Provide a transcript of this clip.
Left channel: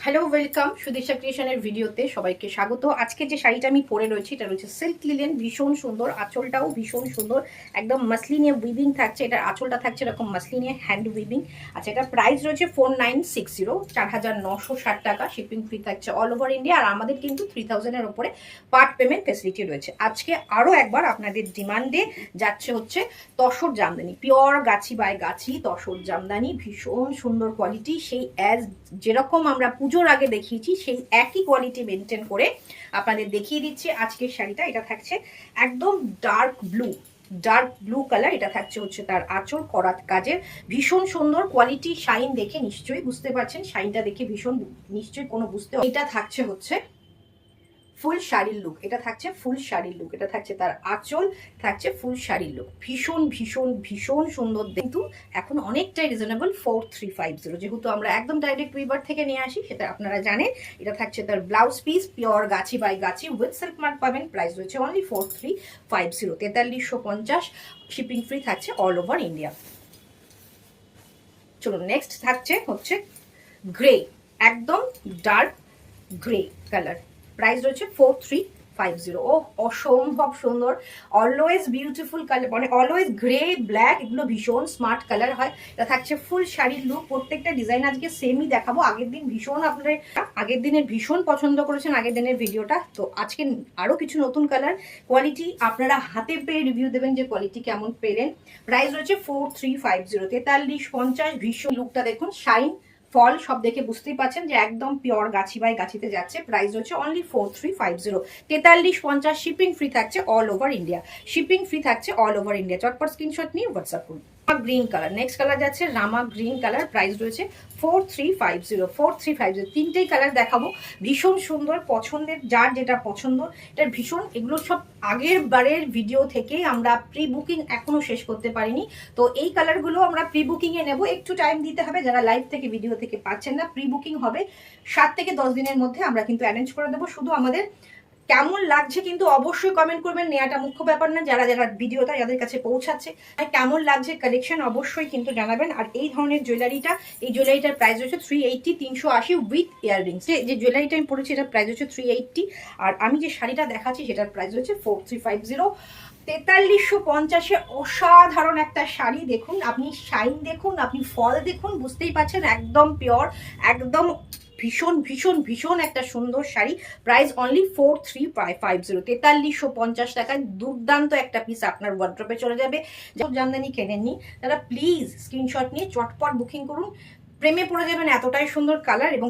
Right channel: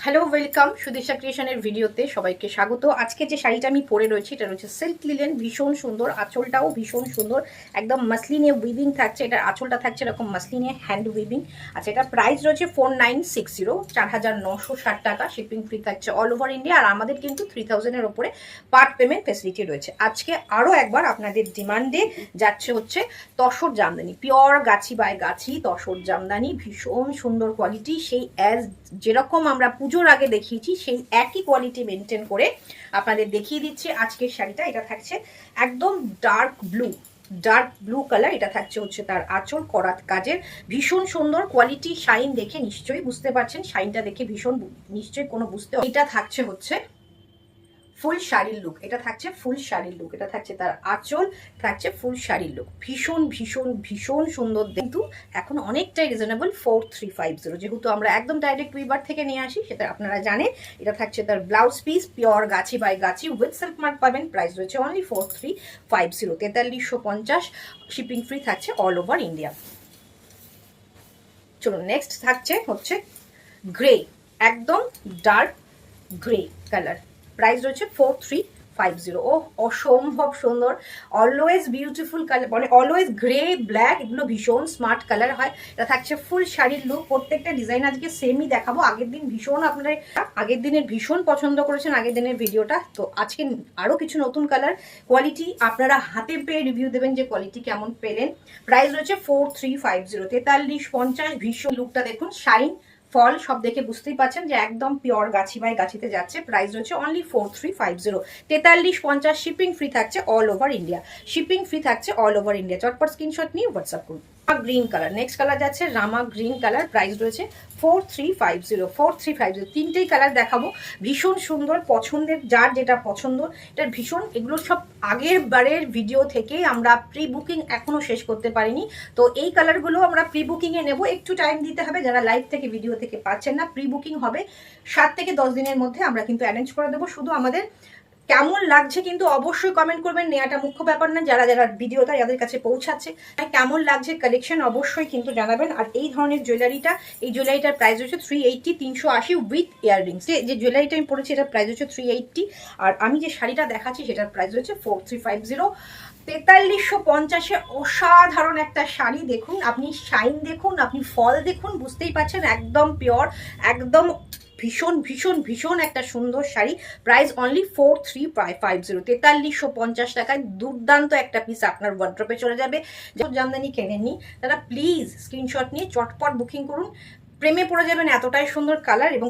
Hello, welcome সুদেশা ক্রিয়েশনের ভিডিওতে সবাইকে স্বাগত। আজকে যে শাড়িটা আমি পরে রয়েছি এটা রয়েছে সিল্ক লিলেন, ভীষণ সুন্দর, আঁচলটাও ভীষণ সুন্দর, একদম মাসলিনে উইভিং থাকছে। এটার আঁচলটা থাকছে এরকম মাসলিনে হ্যান্ড উইভিং। আচ্ছা, এটা প্রাইস রয়েছে 4960, 4960 টাকা। শিপিং ফ্রি থাকছে অল ওভার ইন্ডিয়া। আর আমাদের কিন্তু 3000-এর ওপরে পার্ট পেমেন্ট ফেসিলিটি রয়েছে। আজকে আরও একবার আপনাদের ডিমান্ডে যাচ্ছে হচ্ছে tussar Jamdani, pure Gachhi by গাছি তসর জামদানি, ভীষণ সুন্দর কোয়ালিটি। সেই যেরকম আমরা পুজোর আগে দেখিয়েছি সেই একই কোয়ালিটি মেনটেন করে আপনাদের দেখিয়ে দিচ্ছি আজকের শাড়িটা। এটা থাকছে একদম ডার্ক ব্লু কালার। এটা থাকছে হচ্ছে তার আঁচল করাত কাজের, ভীষণ সুন্দর কোয়ালিটি। শাইন দেখে নিশ্চয়ই বুঝতে পারছেন, শাইনটা দেখে ভীষণ নিশ্চয়ই কোনো বুঝতে। এটা থাকছে হচ্ছে ফুল শাড়ির লুক, এটা থাকছে ফুল শাড়ির লুক, এটা থাকছে তার আঁচল, থাকছে ফুল শাড়ির লুক। ভীষণ ভীষণ ভীষণ সুন্দর। কিন্তু এখন অনেকটাই রিজনেবল, 4350, যেহেতু আমরা একদম ডাইরেক্ট উইভার থেকে নিয়ে আসি সেটা আপনারা জানেন। এটা থাকছে তার blouse piece, pure Gachhi by Gachhi with silk mark পাবেন। প্রাইস রয়েছে অনলি 4350, 4350। শিপিং ফ্রি থাকছে অল ওভার ইন্ডিয়া। চলুন, নেক্সট থাকছে হচ্ছে গ্রে, একদম ডার্ক গ্রে কালার। প্রাইস রয়েছে 4350। ও অসম্ভব সুন্দর, অলওয়েজ বিউটিফুল কালার, মানে অলওয়েজ গ্রে ব্ল্যাক, এগুলো ভীষণ স্মার্ট কালার হয়। এটা থাকছে ফুল শাড়ির লুক। প্রত্যেকটা ডিজাইন আজকে সেমই দেখাবো। আগের দিন ভীষণ আপনারা আগের দিনের ভীষণ পছন্দ করেছেন আগের দিনের ভিডিওটা, তো আজকে আরও কিছু নতুন কালার। কোয়ালিটি আপনারা হাতে পেয়ে রিভিউ দেবেন যে কোয়ালিটি কেমন পেলেন। প্রাইস রয়েছে 4350, 4350। ভীষণ লুকটা দেখুন, শাইন ফল সব দেখে বুঝতেই পারছেন যে একদম পিওর গাছি বাই গাছিতে যাচ্ছে। প্রাইস হচ্ছে অনলি 4350, 4350। শিপিং ফ্রি থাকছে all over India, shipping free থাকছে অল ওভার ইন্ডিয়া। চটপট স্ক্রিনশট নিয়ে হোয়াটসঅ্যাপ করুন। গ্রিন কালার, নেক্সট কালার যাচ্ছে রামা গ্রিন কালার। প্রাইস রয়েছে 4350, 4350। তিনটেই কালার দেখাবো, ভীষণ সুন্দর, পছন্দের যার যেটা পছন্দ। এটা ভীষণ, এগুলো সব আগের বারের ভিডিও থেকে আমরা প্রি বুকিং এখনো শেষ করতে পারিনি, তো এই কালারগুলো আমরা প্রি বুকিংয়ে নেব। একটু টাইম দিতে হবে, যারা লাইভ থেকে ভিডিও থেকে পাচ্ছেন না, প্রি বুকিং হবে 7 থেকে 10 দিনের মধ্যে আমরা কিন্তু অ্যারেঞ্জ করে দেবো। শুধু আমাদের কেমন লাগছে কিন্তু অবশ্যই কমেন্ট করবেন, নেওয়াটা মুখ্য ব্যাপার না, যারা যারা ভিডিওটা যাদের কাছে পৌঁছাচ্ছে কেমন লাগছে কালেকশন অবশ্যই কিন্তু জানাবেন। আর এই ধরনের জুয়েলারিটা, এই জুয়েলারিটার প্রাইস হচ্ছে 380, 380 উইথ ইয়াররিংস। যে জুয়েলারিটা আমি পরেছি এটার প্রাইস হচ্ছে 380, আর আমি যে শাড়িটা দেখাচ্ছি সেটার প্রাইস হচ্ছে 4350, 4350-এ। অসাধারণ একটা শাড়ি। দেখুন আপনি, শাইন দেখুন, আপনি ফল দেখুন, বুঝতেই পারছেন একদম পিওর, একদম ভীষণ ভীষণ ভীষণ একটা সুন্দর শাড়ি। প্রাইস অনলি 4350, 4350 টাকায় দুর্দান্ত একটা পিস আপনার ওয়ার্ড্রপে চলে যাবে। জামদানি কেনেননি তারা প্লিজ স্ক্রিনশট নিয়ে চটপট বুকিং করুন, প্রেমে পড়ে যাবেন, এতটাই সুন্দর কালার এবং